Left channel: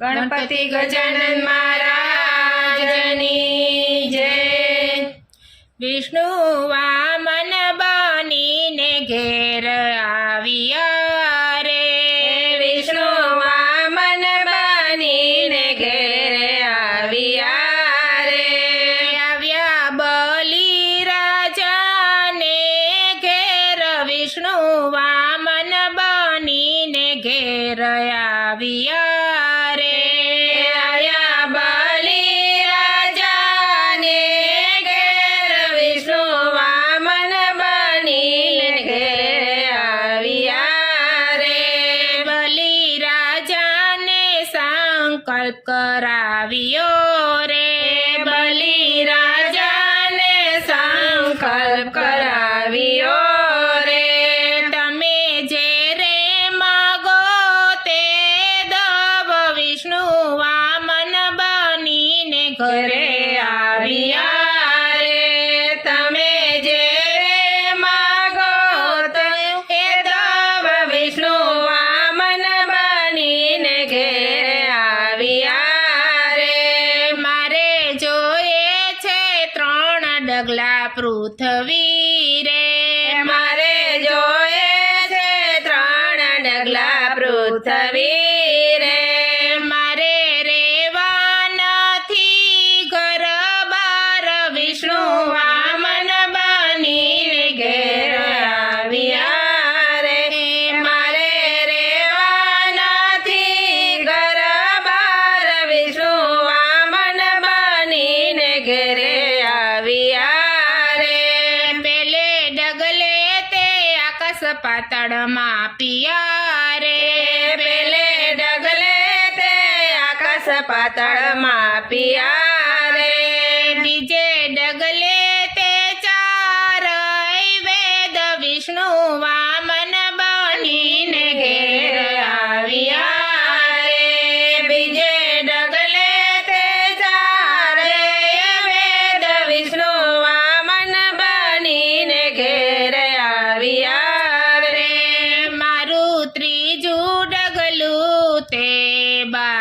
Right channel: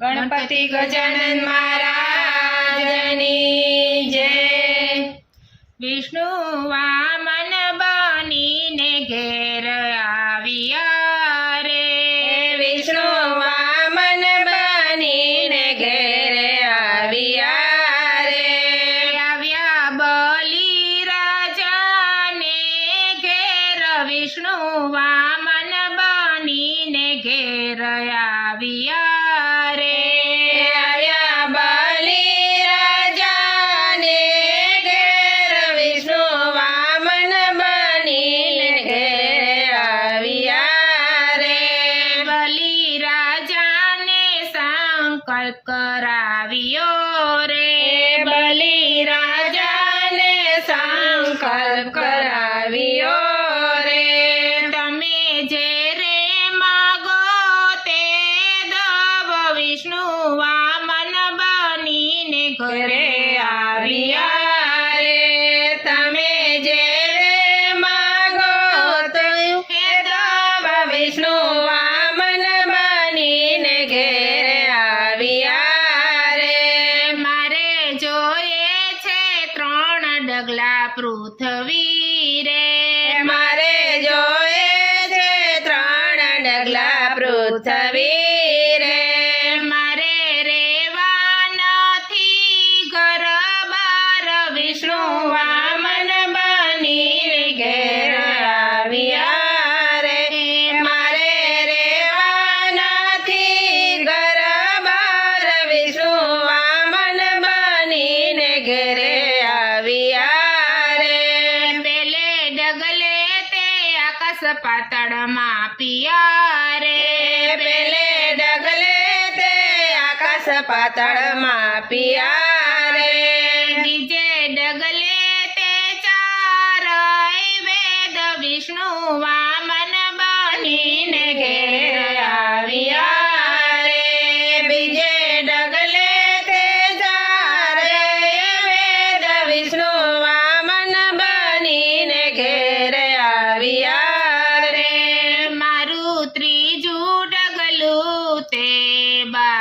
ગણપતિ ગજાનંદ મહારાજની જય. વિષ્ણુ Amén. પાતળમાં પિયા રે. પેલે ડગલે તે આકાશ પાતળમાં પિયા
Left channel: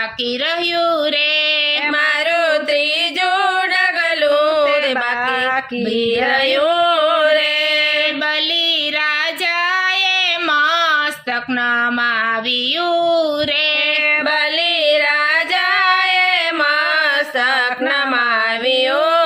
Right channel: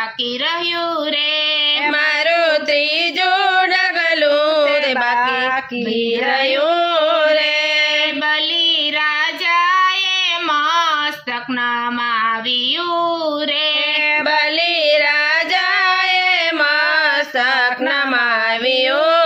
बाकी रहू रे। मारो त्रीजो डगलो बाकी रहो रे। बलि राजाए मस्तक न मावियू रे। बलि राजाए मस्तक न मावियू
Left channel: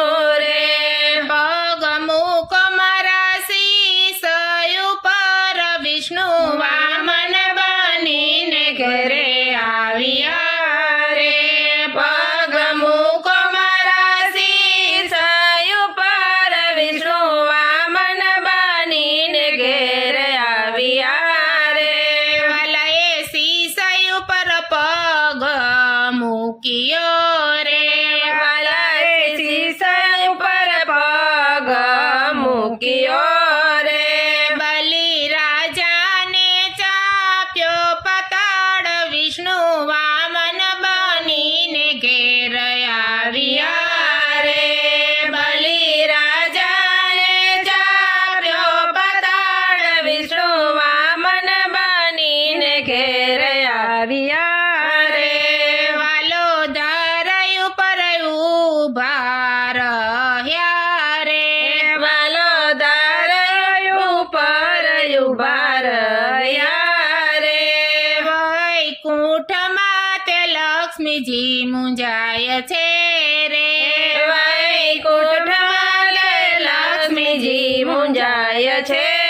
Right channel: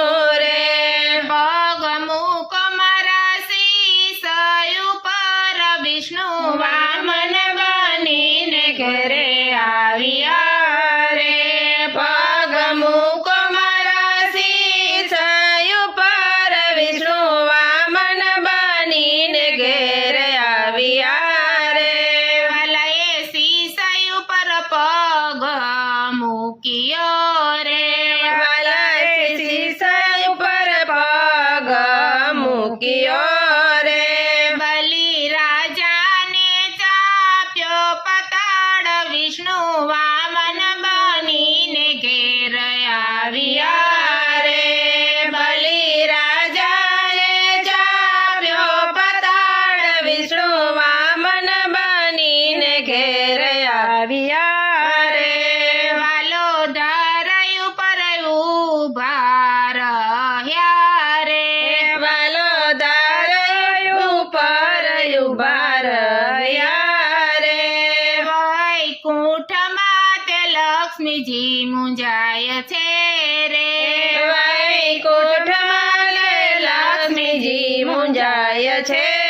જી મુંજાય છે.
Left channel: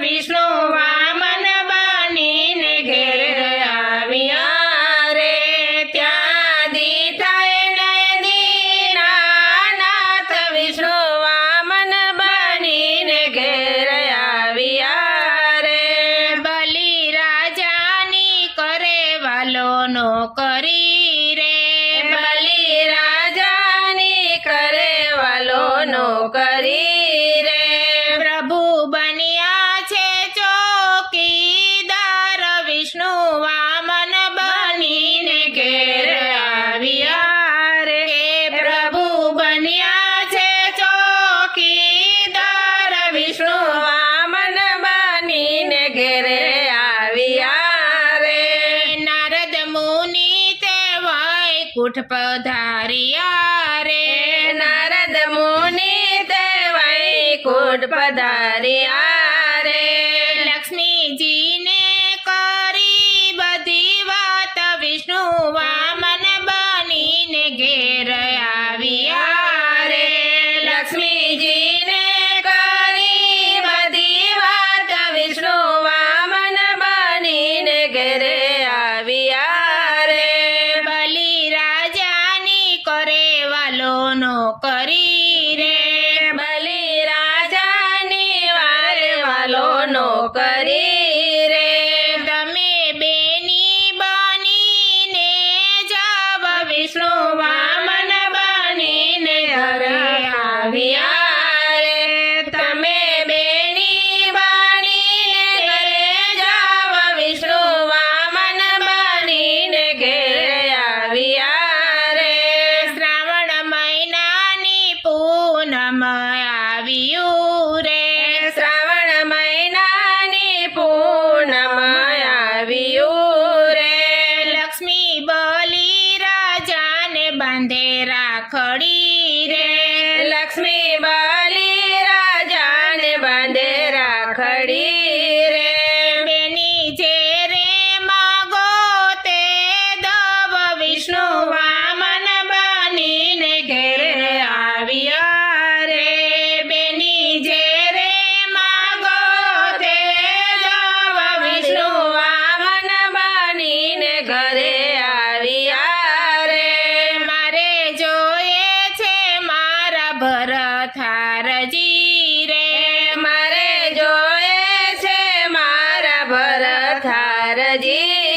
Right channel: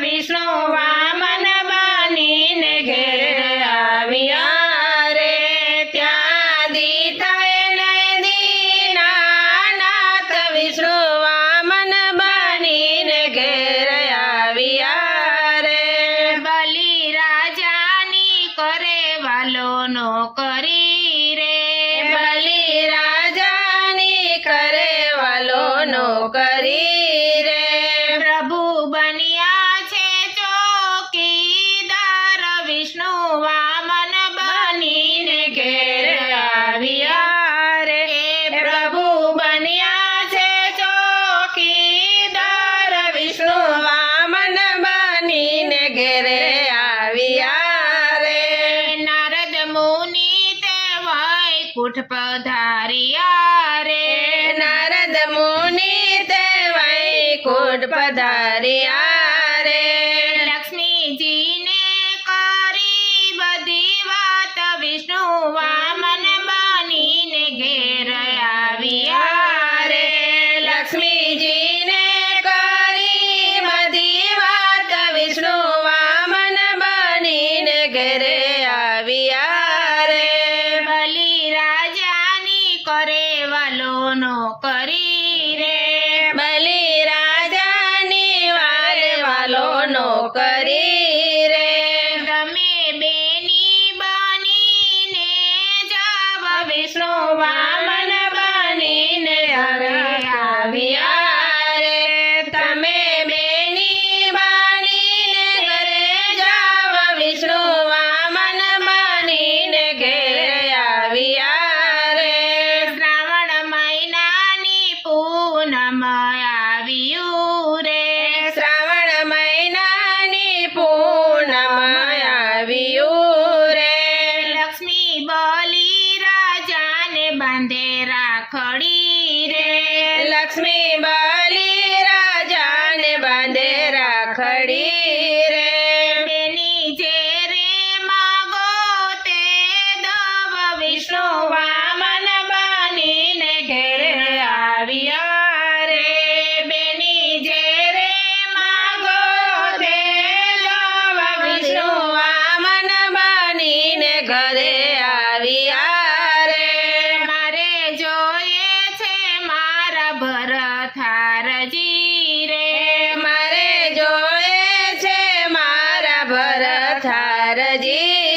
વિષ્ણુ પધાર્યા રે. નારદ મુનિ તે વૈકુંઠ પધાર્યા રે. લક્ષ્મીજી রে লক্ষ্মী বালি ધારજે.